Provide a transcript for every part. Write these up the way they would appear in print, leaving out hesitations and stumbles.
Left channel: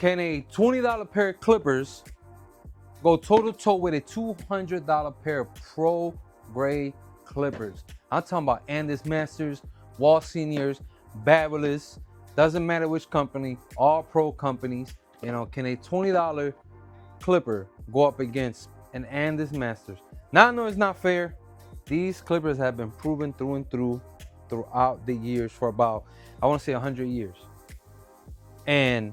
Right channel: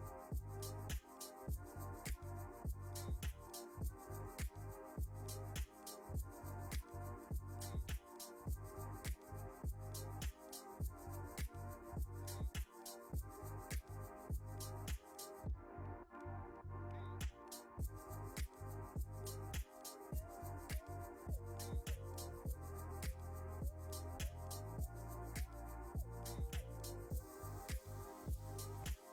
can a $20 pair of clippers go toe to toe with a $200 pair of pro grade clippers? I'm talking about Andis Masters, Wall Seniors, Babyless, doesn't matter which company, all pro companies. You know, can a $20 clipper go up against an Andis Masters? Now I know it's not fair. These clippers have been proven through and through throughout the years for about, I want to say 100 years. And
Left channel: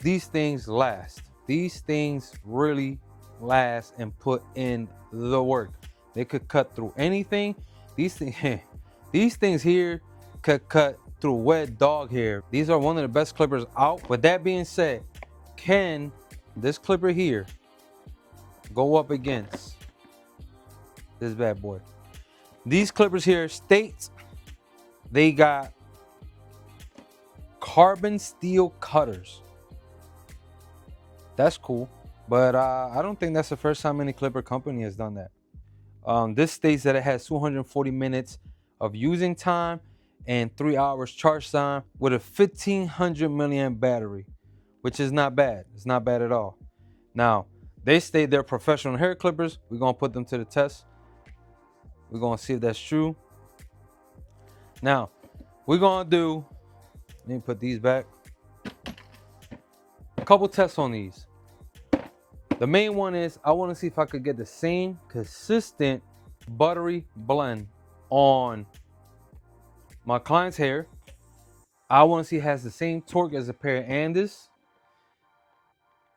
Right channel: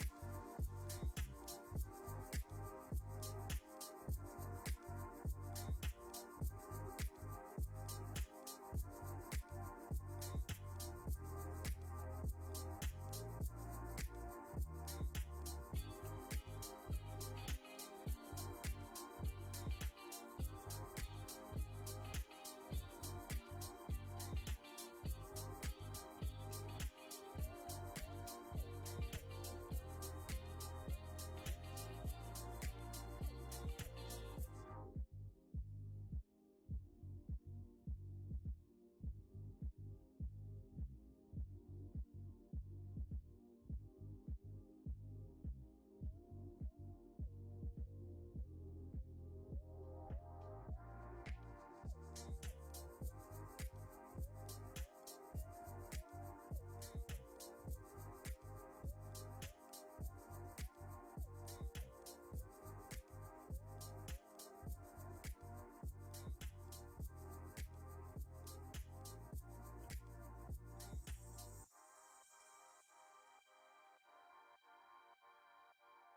these things last. These things really last and put in the work. They could cut through anything. These things here could cut through wet dog hair. These are one of the best clippers out. With that being said, can this clipper here go up against this bad boy? These clippers here state they got carbon steel cutters. That's cool, but I don't think that's the first time any clipper company has done that. This states that it has 240 minutes of using time and 3 hours charge time with a 1500 milliamp battery, which is not bad. It's not bad at all. Now, they state they're professional hair clippers. We're gonna put them to the test. We're gonna see if that's true. Now, we're gonna do, let me put these back. A couple tests on these. The main one is I want to see if I could get the same consistent buttery blend on my client's hair. I want to see it has the same torque as a pair of Andis.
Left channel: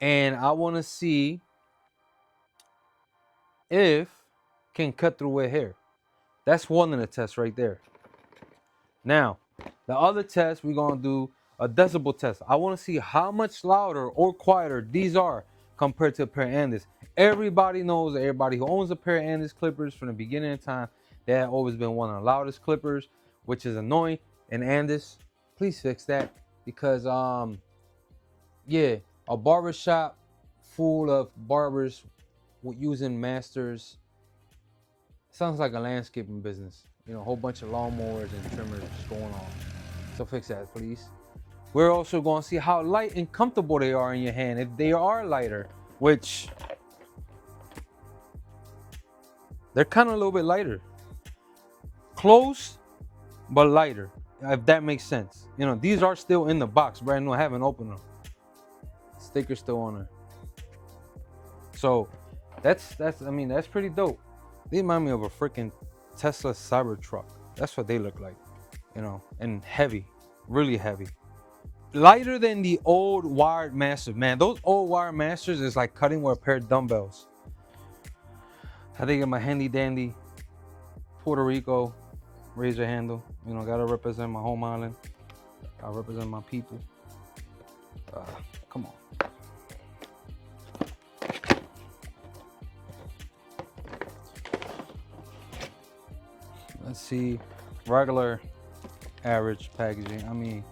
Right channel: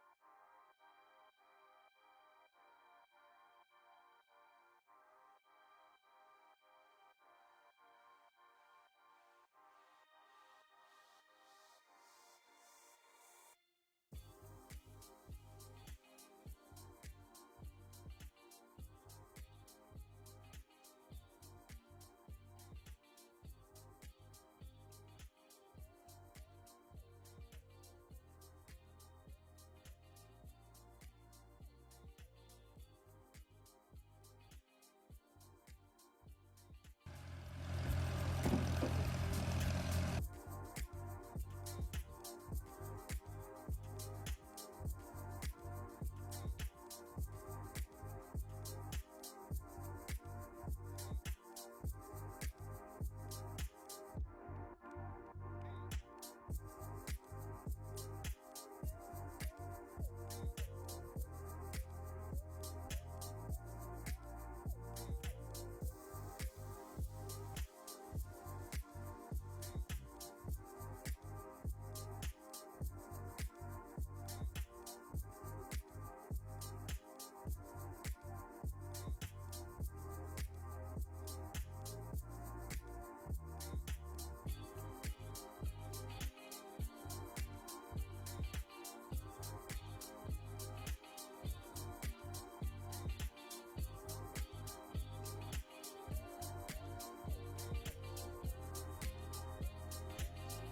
And I want to see if can cut through wet hair. That's one of the tests right there. Now, the other test, we're going to do a decibel test. I want to see how much louder or quieter these are compared to a pair of Andis. Everybody knows, everybody who owns a pair of Andis clippers from the beginning of time, they have always been one of the loudest clippers, which is annoying. And Andis, please fix that, because yeah, a barber shop full of barbers using masters sounds like a landscaping business. You know, a whole bunch of lawnmowers and trimmers going on. So fix that, please. We're also going to see how light and comfortable they are in your hand. If they are lighter, which they're kind of a little bit lighter. Close, but lighter, if that makes sense. You know, these are still in the box, brand new. I haven't opened them. Sticker's still on there. So that's pretty dope. They remind me of a freaking Tesla Cybertruck. That's what they look like, you know, and heavy, really heavy. Lighter than the old wired masters, man. Those old wired masters is like cutting with a pair of dumbbells. I think of my handy dandy Puerto Rico razor handle. You know, gotta represent my home island. I represent my people. Come on. Let's see, regular average packaging. I mean,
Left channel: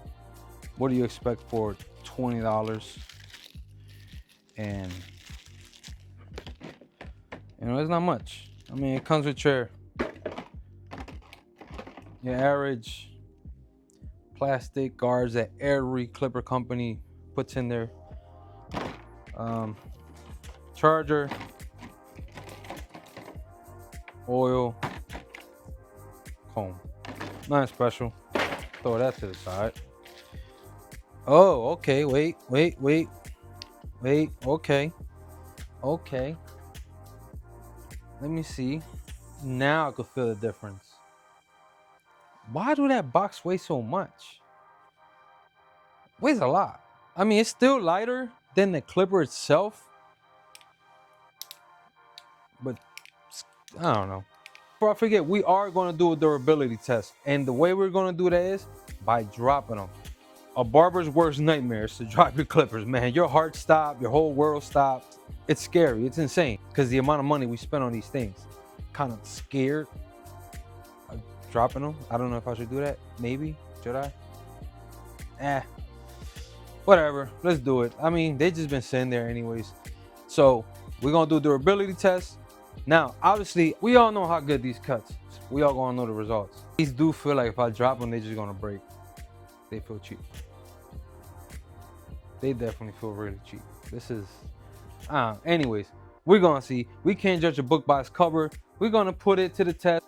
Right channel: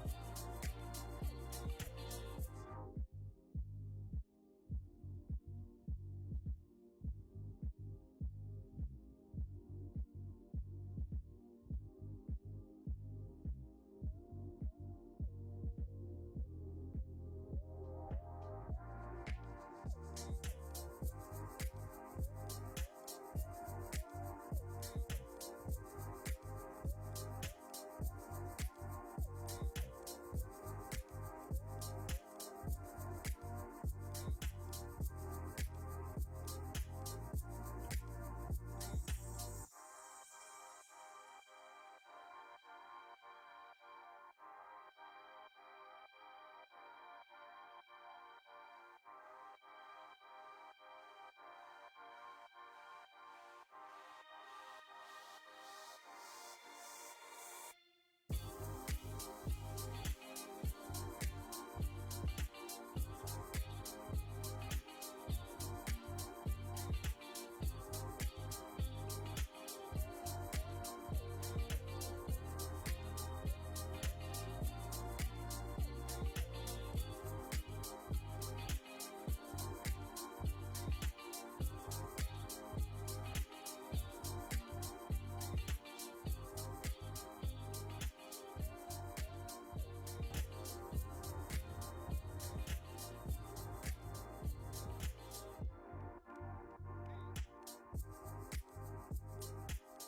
what do you expect for $20? And you know, it's not much. I mean, it comes with your average plastic guards that every clipper company puts in there. Charger, oil, comb. Nothing special. Throw that to the side. Oh, okay. Wait. Okay. Let me see. Now I can feel the difference. Why do that box weigh so much? Weighs a lot. I mean, it's still lighter than the clipper itself, but I don't know. Before I forget, we are going to do a durability test, and the way we're going to do that is by dropping them. A barber's worst nightmare is to drop your clippers, man. Your heart stops, your whole world stops. It's scary, it's insane, because the amount of money we spend on these things. Kind of scared of dropping them. I don't know if I should do that. Maybe, should I? Whatever, let's do it. I mean, they just been sitting there anyways. So we're gonna do a durability test. Now, obviously, we all know how good these cuts. We all gonna know the results. These do feel like if I drop them, they're just gonna break. They feel cheap. They definitely feel really cheap. This is, anyways, we're gonna see. We can't judge a book by its cover. We're gonna put it to the test.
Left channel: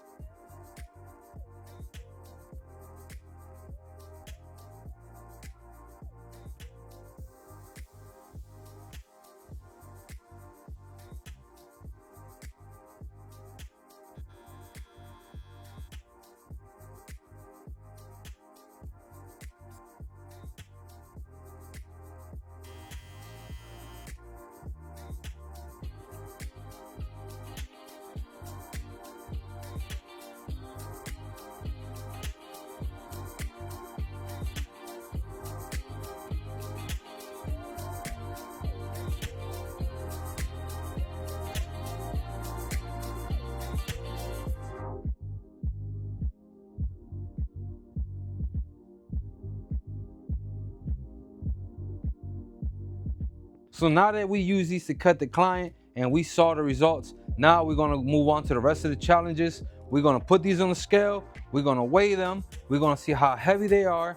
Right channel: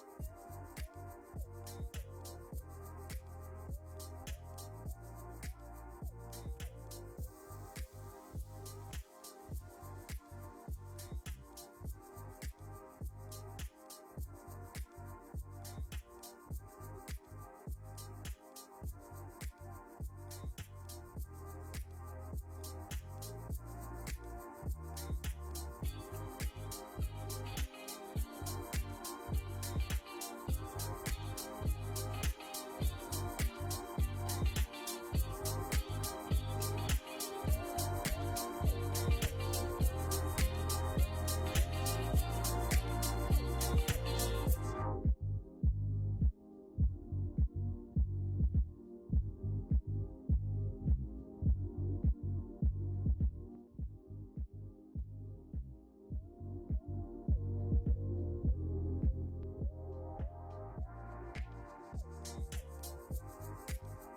So now that we use these to cut the client and we saw the results, now we're gonna move on to the rest of the challenges. We're gonna put these on the scale. We're gonna weigh them. We're gonna see how heavy they are.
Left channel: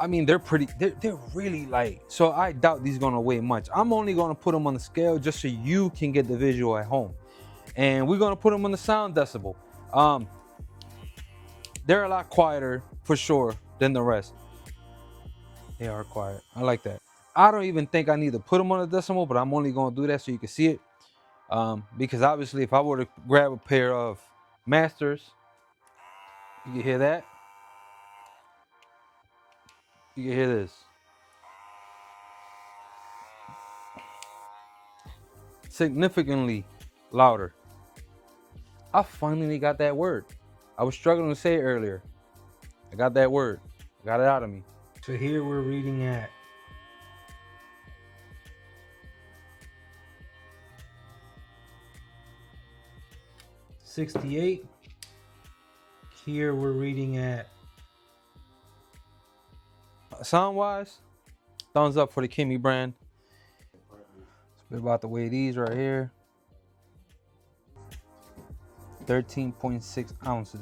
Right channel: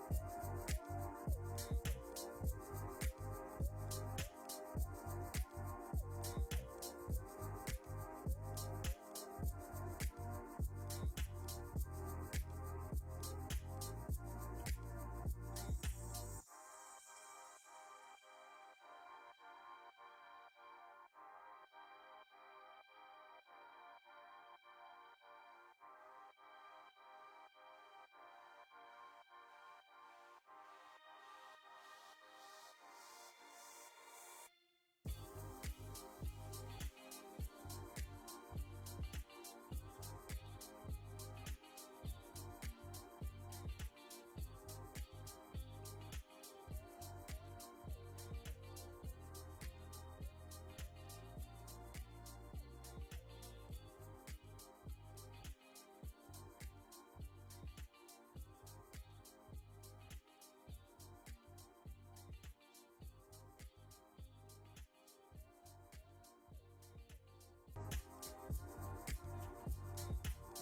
I mean, they're really light. So I doubt these gonna weigh much. I'm only gonna put them on the scale just so you can get the visual at home. And we're gonna put them on the sound decibel. They're a lot quieter for sure than the rest. They are quiet. I like that. I don't even think I need to put them on a decimal, but I'm only gonna do that so you can see it. Because obviously if I were to grab a pair of masters, you can hear that. You can hear this. Significantly louder. I finally got that word. I was struggling to say it earlier. I got that word. Got it out of me. So here we're reading at 68. Here we're reading at, sound wise, thumbs up for the Kimmy brand. We're about to weigh these right here. 13.6 ounces.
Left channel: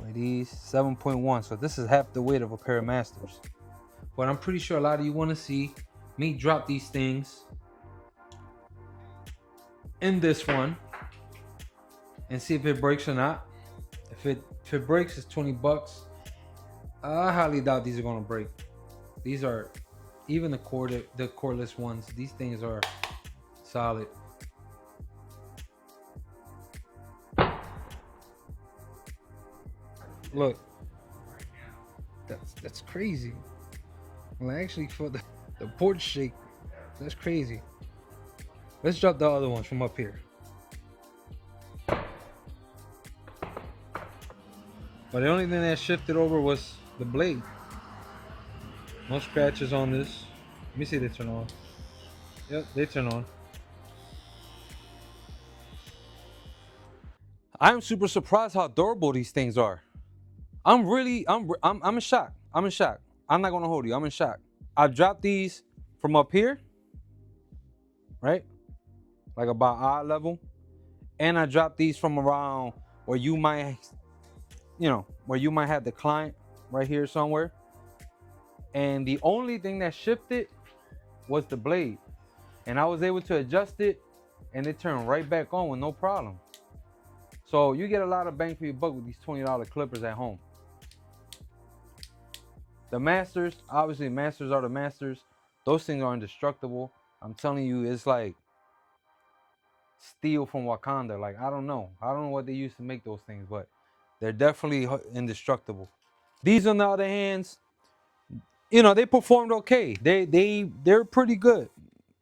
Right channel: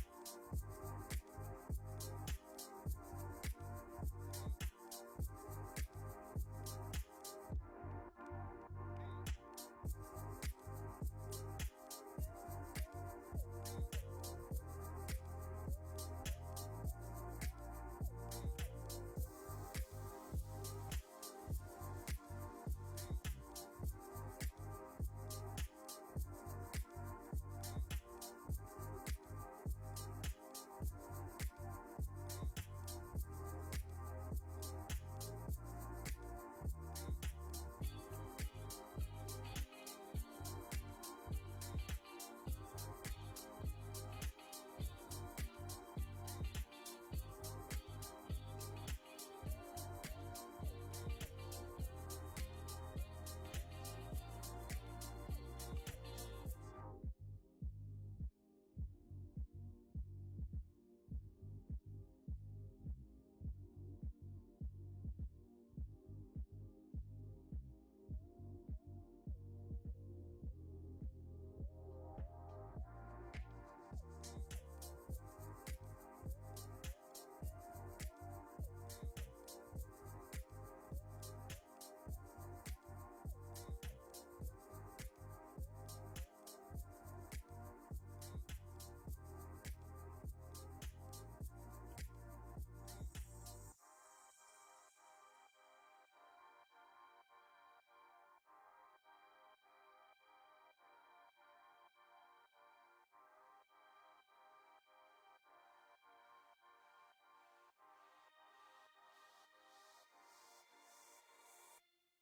Weigh these 7.1. So this is half the weight of a pair of masters. But I'm pretty sure a lot of you want to see me drop these things in this one and see if it breaks or not. If it breaks, it's 20 bucks. I highly doubt these are gonna break. These are, even the cordless ones, these things are solid. Look, that's crazy. Well, actually, for the porch shake, that's crazy. Let's drop the other ones from up here. But the only thing that shifted over was the blade. No scratches on this. Let me see if they turn on. Yep, they turn on. I'm super surprised how durable these things are. I'm in shock. I'm in shock. I'm not gonna hold you. I'm in shock. I dropped these from up here, right? Like about eye level. And I dropped these from around where you might, where you might have the client right here somewhere. And the only thing that shifted was the blade. And I was able to adjust it and it turned right back on with no problem. So you get a lot of bang for your buck with these $20 clippers at home. The masters, obviously masters are the masters. Those things are indestructible. I'm telling you, it's like steel from Wakanda. Like, I don't know what they used to make those things, but they're definitely indestructible. These, on the other hands, they performed okay. They're pretty good.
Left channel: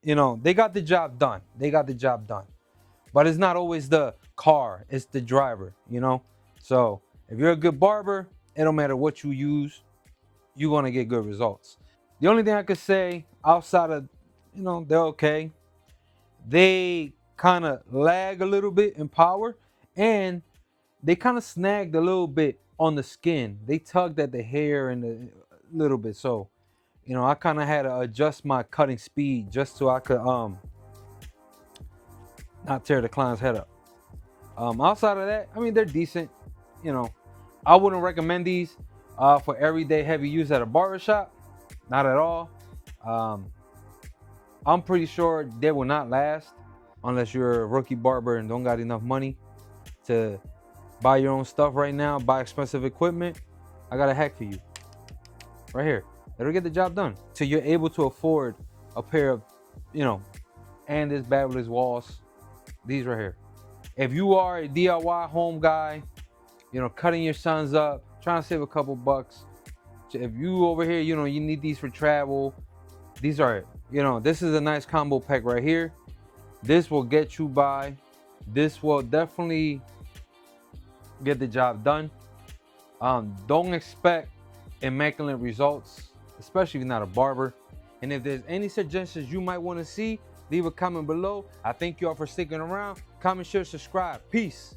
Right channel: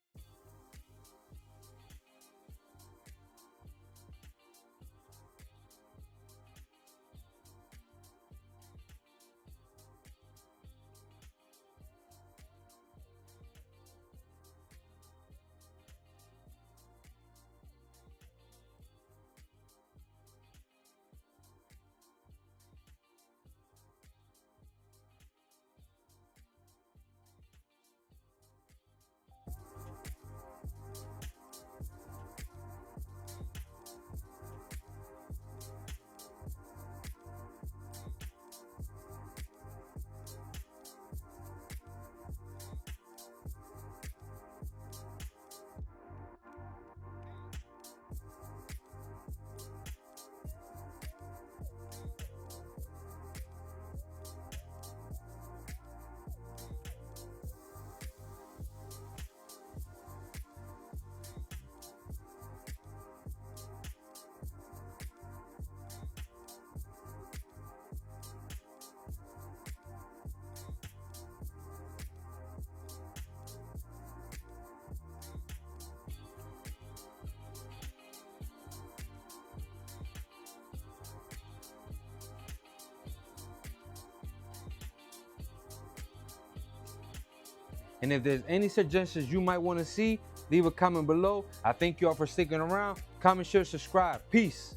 They got the job done. But it's not always the car, it's the driver, So if you're a good barber, it don't matter what you use, you're gonna get good results. The only thing I could say outside of, they're okay. They kind of lag a little bit in power, and they kind of snagged a little bit on the skin. They tugged at the hair and a little bit. So, I kind of had to adjust my cutting speed just so I could not tear the client's head up. Outside of that, I mean, they're decent. I wouldn't recommend these. for everyday heavy use at a barbershop. Not at all. Um, I'm pretty sure they will not last unless you're a rookie barber and don't got enough money to buy your own stuff right now, buy expensive equipment. I got a hack for you right here. It'll get the job done. So you're able to afford a pair of, and this Babyliss walls, these right here. If you are a DIY home guy, cutting your sons up, trying to save a couple bucks. If you over here, you need these for travel. These are, this is a nice combo pack right here. This will get you by. This will definitely get the job done. Don't expect immaculate results, especially if you're not a barber. And if there's any suggestions you might want to see, leave a comment below. I thank you all for sticking around. Comment, share, subscribe. Peace.